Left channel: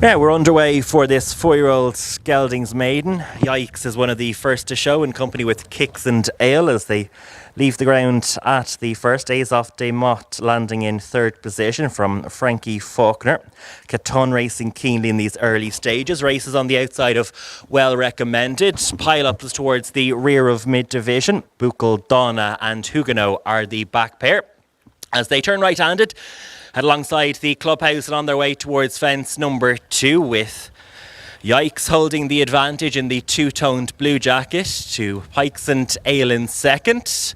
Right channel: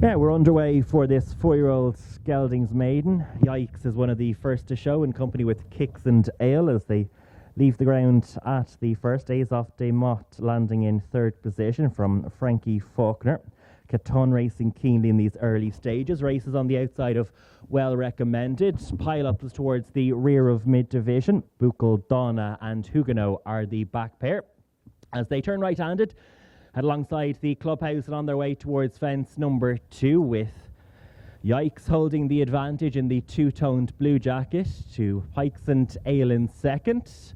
Yeah, we're underway for this 4-year-old Geldings Maiden. Yikes is one of the first to show in company with Kicks and Ale as they leave the ground at the first. Days off de Mott landing in third position from Frankie Faulkner. Caton racing keenly in these early stages. Races on the outside of Well Recommended. Pile-ups towards the rear of mid-division. Buchel, Donna and Huguenot are the back pair. As they turn right-handed, alongside the clubhouse and on their way towards fence number 2 with Yikes holding the advantage in the two-toned blue jacket to Pikes and Ale in second.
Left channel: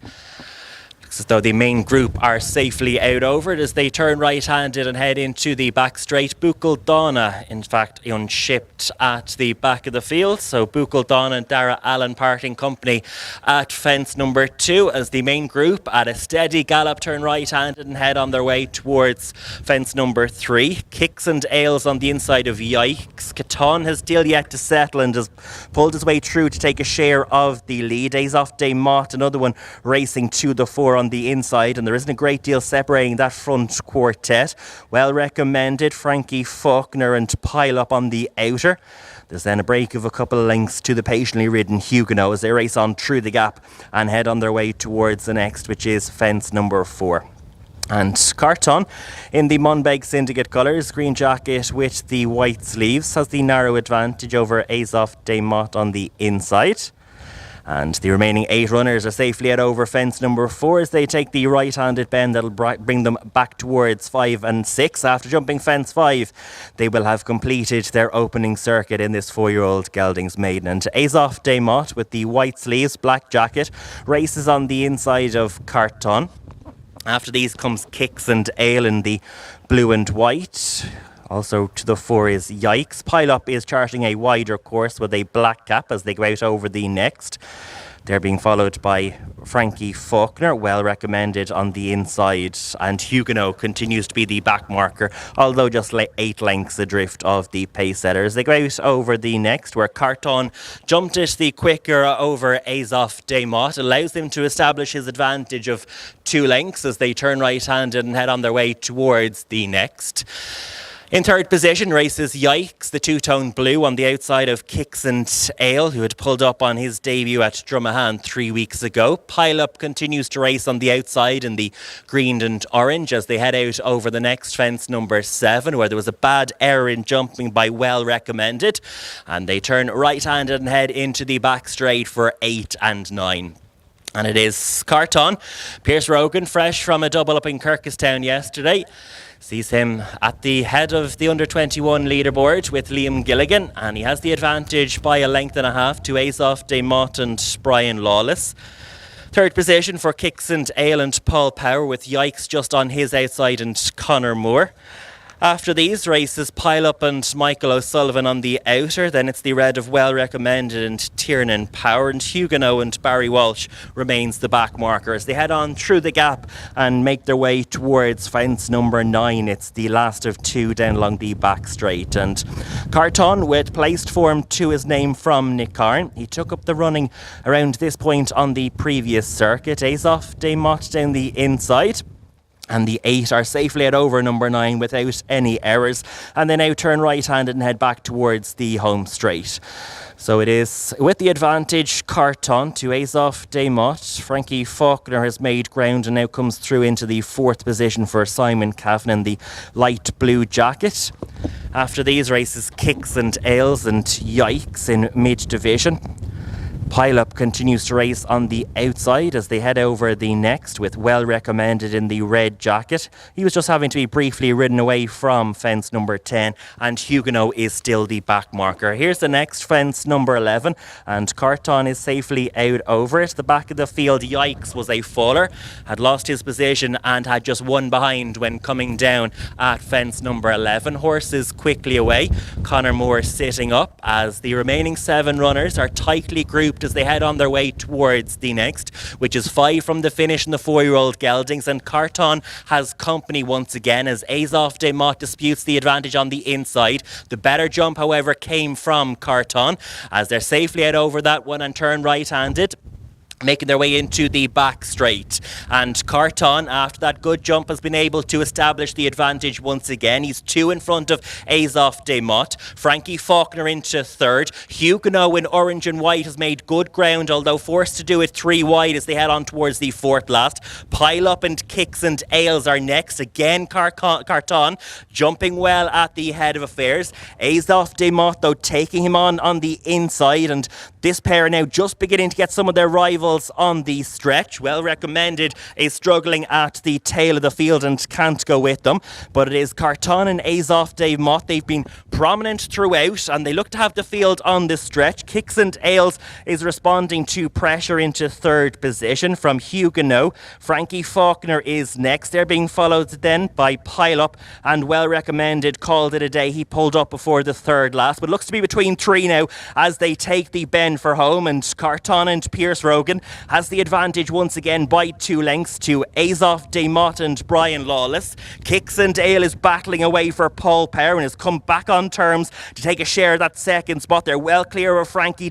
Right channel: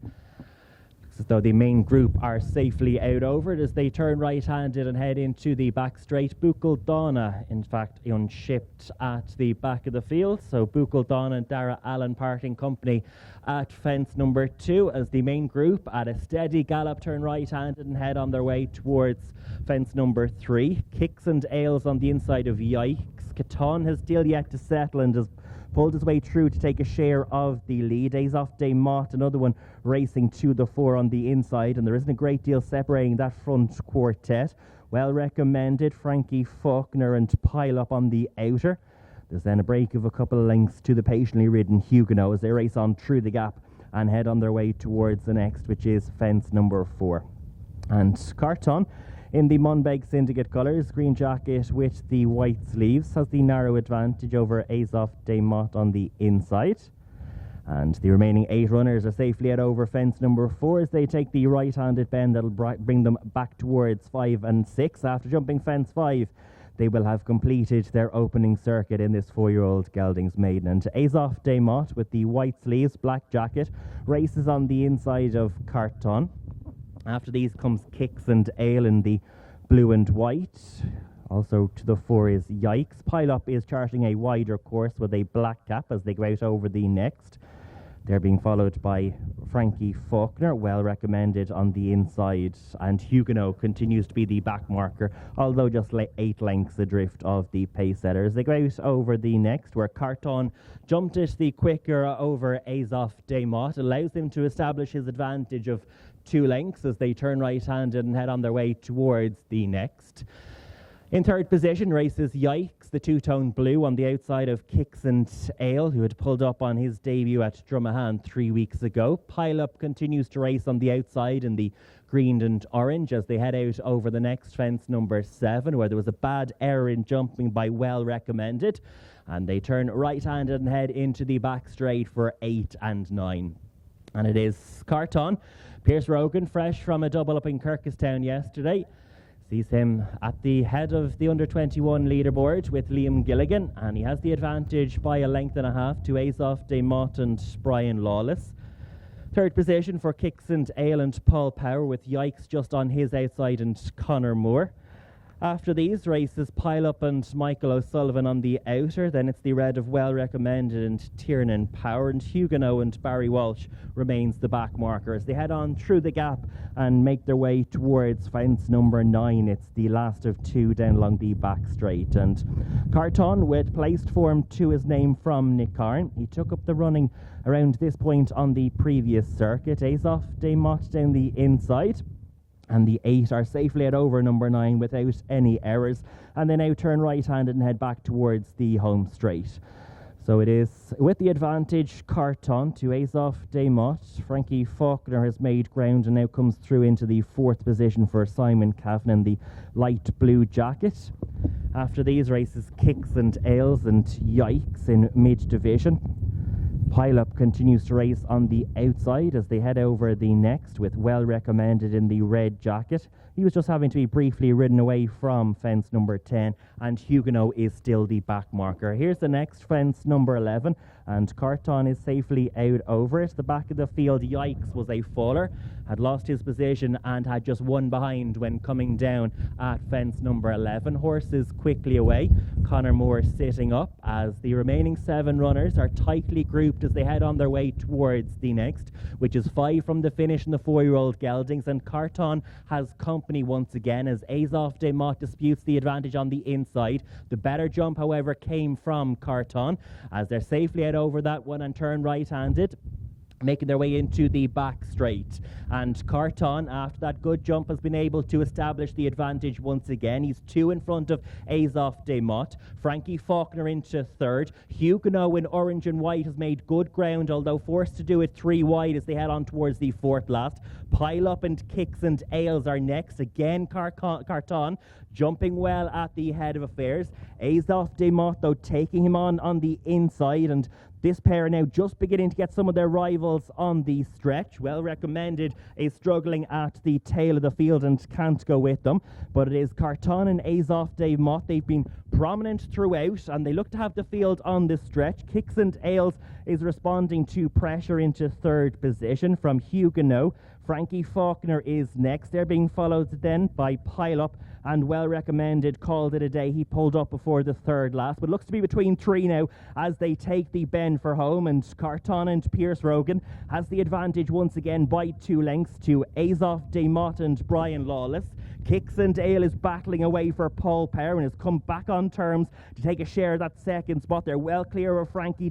Looks as though the main group are safely out over it as they turn right-handed and head into the back straight. Buchel Donna, in fact, unshipped at the back of the field. So Buchel Donna and Dara Allen parting company at fence number 2 as the main group at a steady gallop turn right-handed and head on their way towards fence number 3. Kicks and Ales on the inside of Yikes. Caton has still yet to settle and has pulled his way through to take a share of the lead. Days off de Mott, another one racing to the 4 on the inside, and there isn't a great deal separating that front quartet. Well Recommended, Frankie Faulkner and Pile Up on the outer. There's then a break of a couple of lengths to the patiently ridden Huguenot as they race on through the gap and head on their way towards the next, which is fence number 4. And Carton, in the Monbeg Syndicate colours, green jacket with the white sleeves, has the narrow advantage over Azoff de Mott on the inside. And the remaining 8 runners are safely at over fence number 4 as they take the right-handed bend that'll bring them back towards 5 and 6. After jumping fence 5, they will have completed their opening circuit in this 4-year-old Geldings Maiden. And Azoff de Mott with the white sleeves, black jacket, races on the inside of Carton. After these comes Kicks and Ale in the blue and white. Also to the 4 is Yikes. Pile Up is charting a wider course with a black cap as they go out over the next. They're being followed by Frankie Faulkner, Well Recommended on the inside, and Huguenot continues to be the back marker, although just 8 lengths adrift of the pace setters. They go out over the next, where Carton jumped it the quicker over Azoff de Mott, allows them to establish his advantage of 2 lengths as they turn right-handed and head on their way towards the next. In third position races Yikes, the two-tone blue on the outside of Kicks and Ale, who had pulled up on his debut at Drummahan 3 weeks ago. Pile Up continues to race on the outside in the green and orange as they head out over the next fence number 7, where there was a bad error in jumping by Well Recommended. And they turn right-handed and head into the back straight for 8 and 9. And it is Carton. Pierce Rogan, fresh from a double up in Kirkestown yesterday, sees him at the head of the under-21 leaderboard with Liam Gilligan, and he has the advantage by a length and a half to Azoff de Mott and Brian Lawless. Third position for Kicks and Ale and Paul Power with Yikes just on his outside and Connor Moore. After these races, Pile Up and Michael O'Sullivan on the outer. Then it's the red of Well Recommended and Tiernan Power, and Huguenot and Barry Walsh remains the back marker as they head on through the gap and make their way towards fence number 9. It's the last of 2 down along the back straight. And Carton with placed form to his name from Nick Carn. He took up the running around this point on the previous circuit. Azoff de Mott down the inside. And the 8 are safely at over number 9 without any errors. And they now turn right-handed and head back towards the home straight. So it is with the advantage Carton to Azoff de Mott. Frankie Faulkner has made ground and now comes through into the 4th position for Simon Kavanagh in the light blue jacket. After these races, Kicks and Ales and Yikes in mid-division. Pile Up continues to race on the outside as they head over the next with Well Recommended in the red jacket. He was just having to be briefly ridden away from fence number 10, and Huguenot is still the back marker. Here's the next fence number 11, and Carton is safely out over it. The back of the field, Yikes, was a faller, had lost his position and had just 1 behind when coming down at fence number 11. Horses quickly away. Connor Moore sitting up as the remaining 7 runners are tightly grouped as they head on their way towards the next, which is 5 from the finish in the 4-year-old Geldings. And Carton has company once again as Azoff de Mott disputes the advantage on the inside. The better jump, however, came from Carton as they're safely out over that one and turn right-handed. making their way into the back straight. And Carton, after that good jump, has been able to establish the advantage once again. He's 2 in front of Azof de Mott. Frankie Faulkner into third. Huguenot in orange and white has made good ground, although forced to do it 3 wide as they head on towards the fourth last. Pile Up and Kicks and Ales are next. Again, Carton jumping well at the head of affairs. Azof de Mott, though, taking him on the inside, and this pair are now just beginning to get some of their rivals on the stretch. Well Recommended is struggling at the tail of the field and can't go with them, but it is Carton and Azof de Mott. They've been prominent throughout and they look to have the field on the stretch. Kicks and Ales is responding to pressure into third position from Huguenot. Frankie Faulkner is next. They're being followed then by Pile Up, and Well Recommended called it a day. He pulled up before the third last, but looks to be between 3 now as they take the bend for home, and Carton and Pierce Rogan has the advantage once again by 2 lengths to Azof de Mott and Brian Lawless. Kicks and Ale is battling away for Paul Power and has come back on terms to take a share of that second spot. They're well clear of Frankie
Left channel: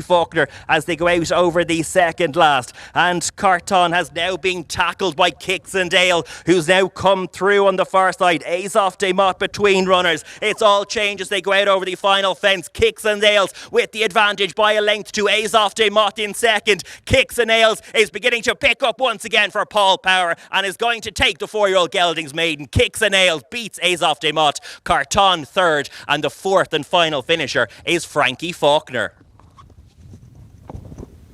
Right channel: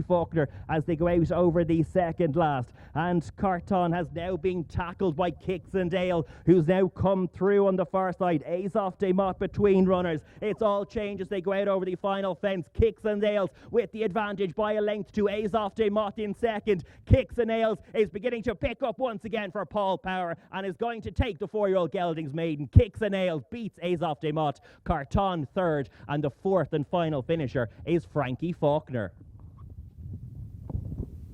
Faulkner as they go out over the second last. And Carton has now been tackled by Kicks and Ale, who's now come through on the far side. Azof de Mott between runners. It's all changed as they go out over the final fence. Kicks and Ales with the advantage by a length to Azof de Mott in second. Kicks and Ales is beginning to pick up once again for Paul Power and is going to take the 4-year-old Geldings Maiden. Kicks and Ales beats Azof de Mott. Carton third, and the fourth and final finisher is Frankie Faulkner.